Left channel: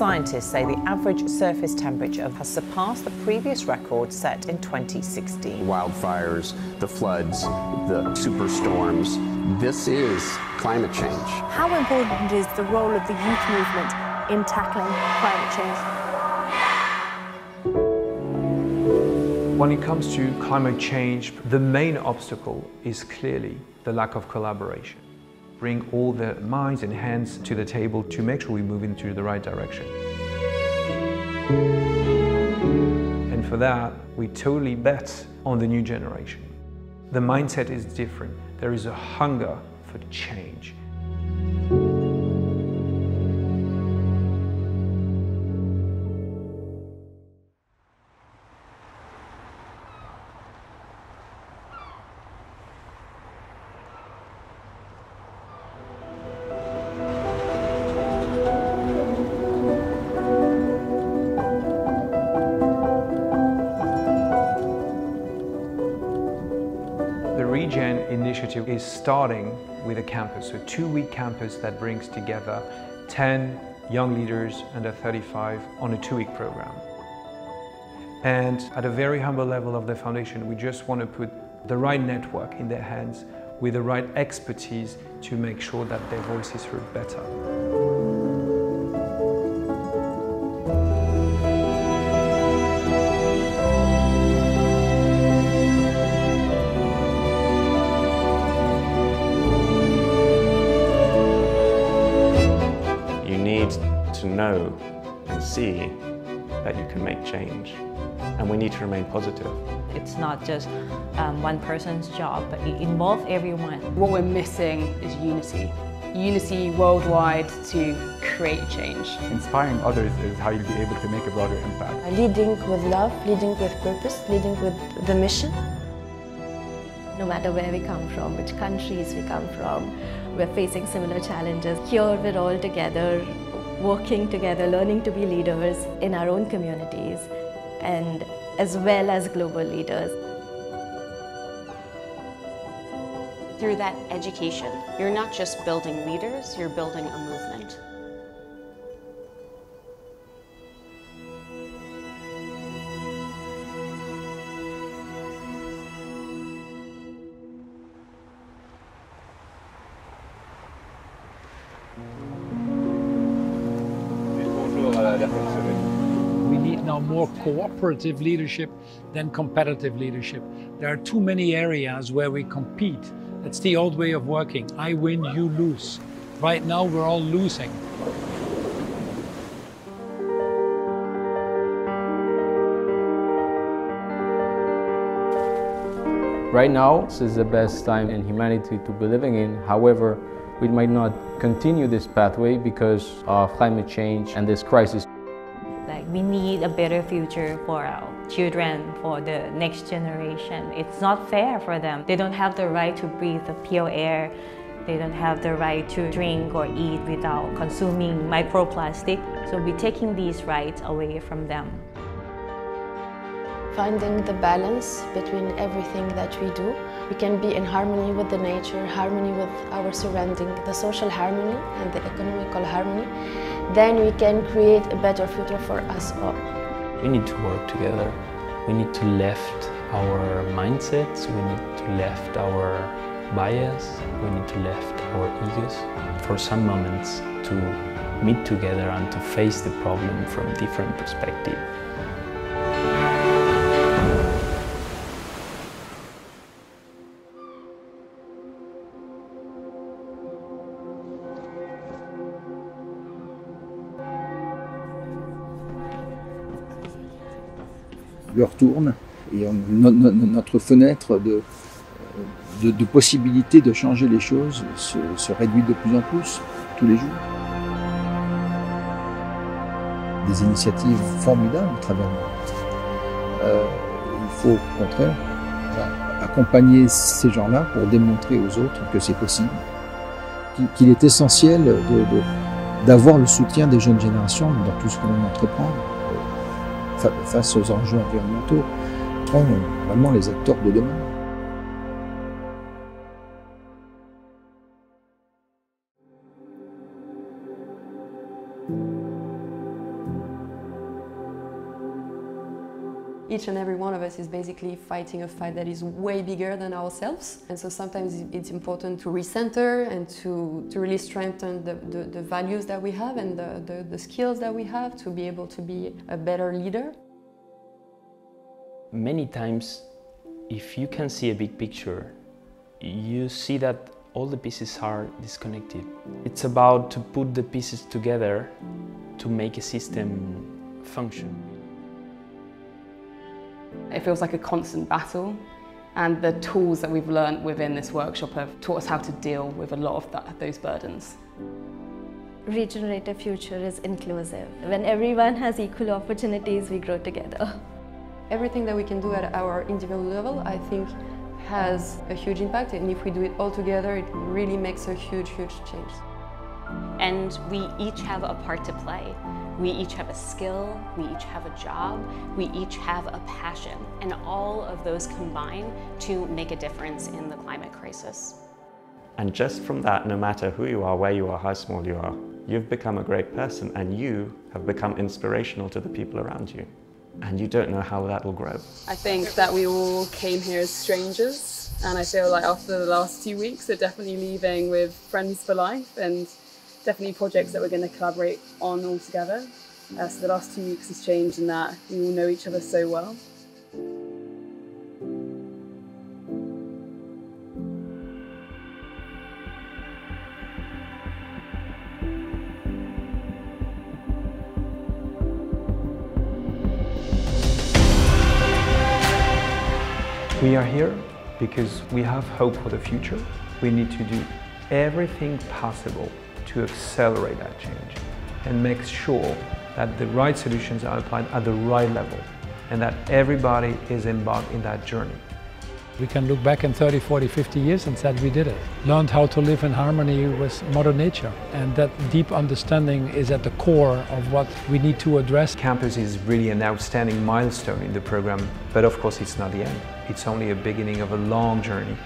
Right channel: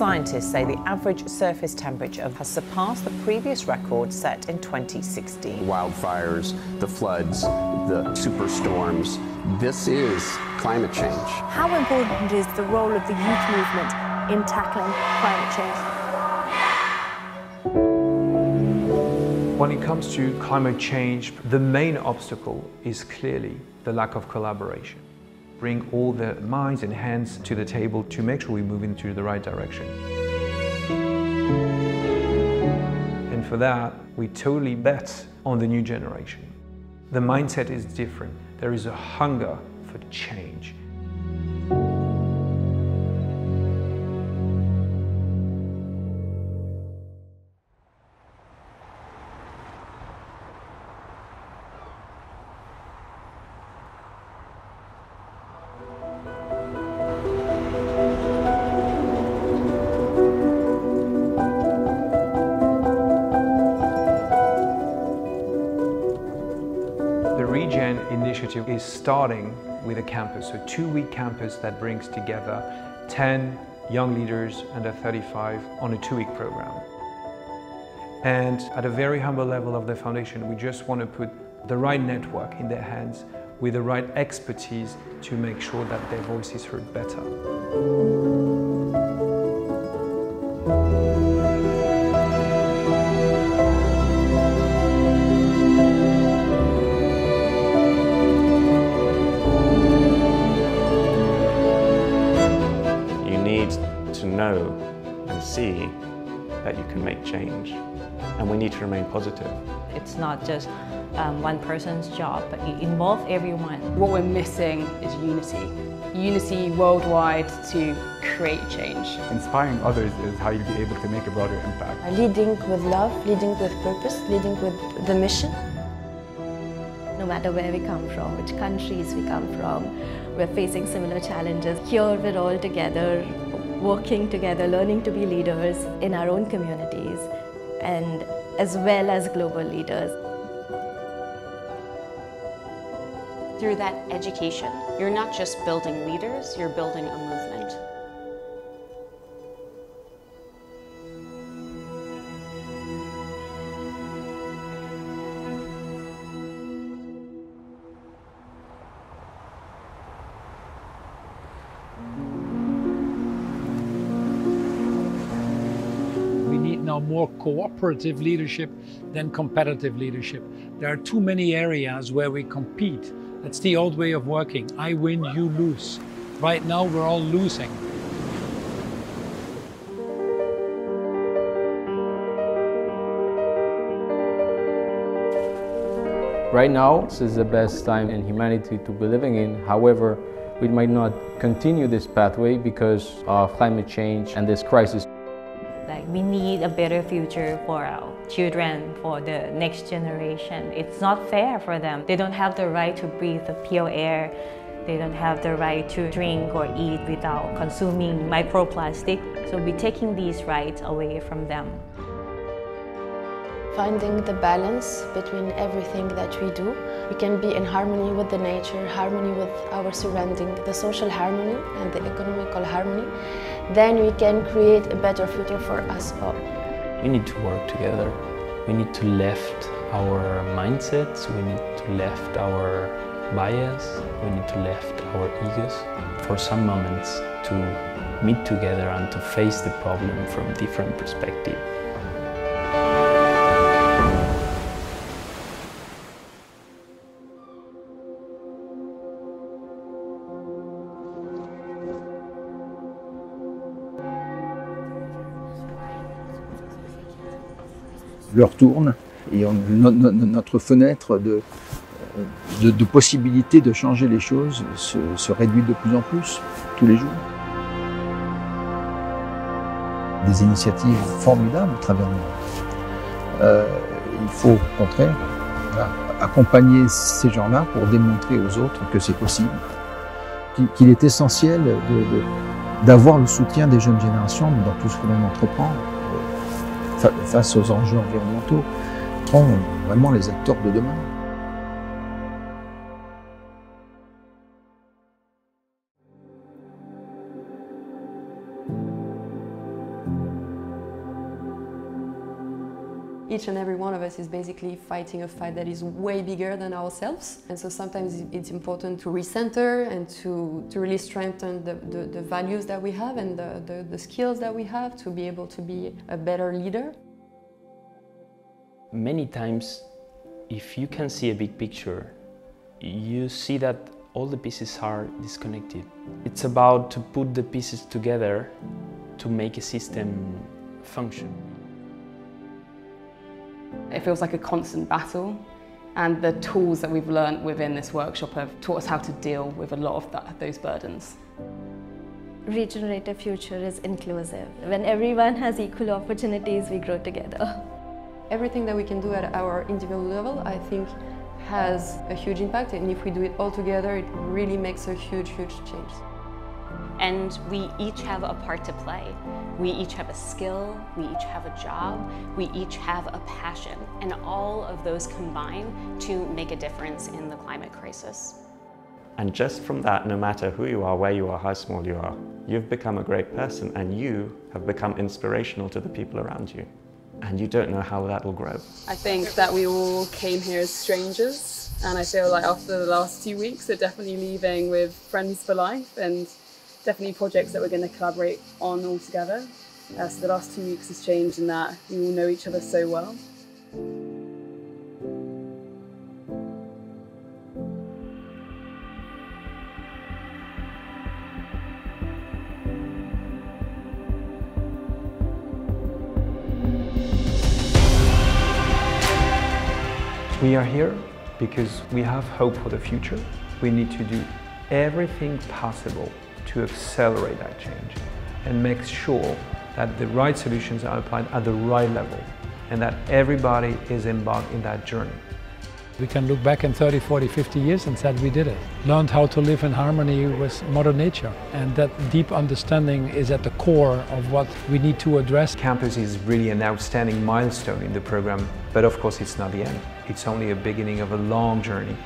scientists say the average surface temperature has surpassed the previous record set in 2016. Wildfires, the floods, the superstorms. This is climate change. How important is the role of the youth movement in tackling climate change? When it comes to climate change, the main obstacle is clearly the lack of collaboration. Bring all the minds and hands to the table to make sure we move into the right direction. And for that, we totally bet on the new generation. The mindset is different. There is a hunger for change. The Regen initiative is starting with a campus, a 2-week campus that brings together 10 young leaders under 35 on a 2-week program. And at a very humble level of the foundation, we just want to put the right network in their hands with the right expertise to make sure that their voice is heard better. You need to know and see that you can make change, and we need to remain positive. It's not just one person's job, but it involves everyone. What we're missing is unity. Unity worldwide to create change. Inspiring others is how you'll be able to make a broader impact. Leading with love, leading with purpose, leading with the mission. No matter where we come from, which countries we come from, we're facing similar challenges. Here we're all together, working together, learning to be leaders in our own communities and as well as global leaders. Through that education, you're not just building leaders, you're building a movement. We need now more cooperative leadership than competitive leadership. There are too many areas where we compete. That's the old way of working. I win, you lose. Right now we're all losing. Right now, this is the best time in humanity to be living in. However, we might not continue this pathway because of climate change and this crisis. We need a better future for our children, for the next generation. It's not fair for them. They don't have the right to breathe the pure air. They don't have the right to drink or eat without consuming microplastic. So we're taking these rights away from them. Finding the balance between everything that we do. We can be in harmony with the nature, harmony with our surrounding, the social harmony and the economical harmony. Then we can create a better future for us all. We need to work together. We need to left our mindsets. We need to left our bias. We need to left our egos for some moments to meet together and to face the problem from different perspectives. L'heure tourne et notre fenêtre de possibilités de changer les choses se réduit de plus en plus tous les jours. Des initiatives formidables à travers le monde. Il faut au contraire accompagner ces gens-là pour démontrer aux autres que c'est possible, qu'il est essentiel d'avoir le soutien des jeunes générations dans tout ce que l'on entreprend. Face aux enjeux environnementaux, sont vraiment les acteurs de demain. Each and every one of us is basically fighting a fight that is way bigger than ourselves. And so sometimes it's important to recenter and to really strengthen the values that we have and the skills that we have to be able to be a better leader. Many times, if you can see a big picture, you see that all the pieces are disconnected. It's about to put the pieces together to make a system function. It feels like a constant battle, and the tools that we've learned within this workshop have taught us how to deal with a lot of those burdens. Regenerative future is inclusive. When everyone has equal opportunities, we grow together. Everything that we can do at our individual level, I think, has a huge impact, and if we do it all together, it really makes a huge, huge change. And we each have a part to play. We each have a skill, we each have a job, we each have a passion, and all of those combine to make a difference in the climate crisis. And just from that, no matter who you are, where you are, how small you are, you've become a great person and you have become inspirational to the people around you. And you don't know how that will grow. I think that we all came here as strangers, and I feel like after the last 2 weeks, we're definitely leaving with friends for life and definitely projects that we're going to collaborate on all together. So the last 2 weeks has changed in that we all know each other so well. We are here because we have hope for the future. We need to do everything possible to accelerate that change and make sure that the right solutions are applied at the right level and that everybody is embarked in that journey. We can look back in 30, 40, 50 years and said we did it. Learned how to live in harmony with Mother Nature. And that deep understanding is at the core of what we need to address. Campus is really an outstanding milestone in the program, but of course it's not the end. It's only a beginning of a long journey.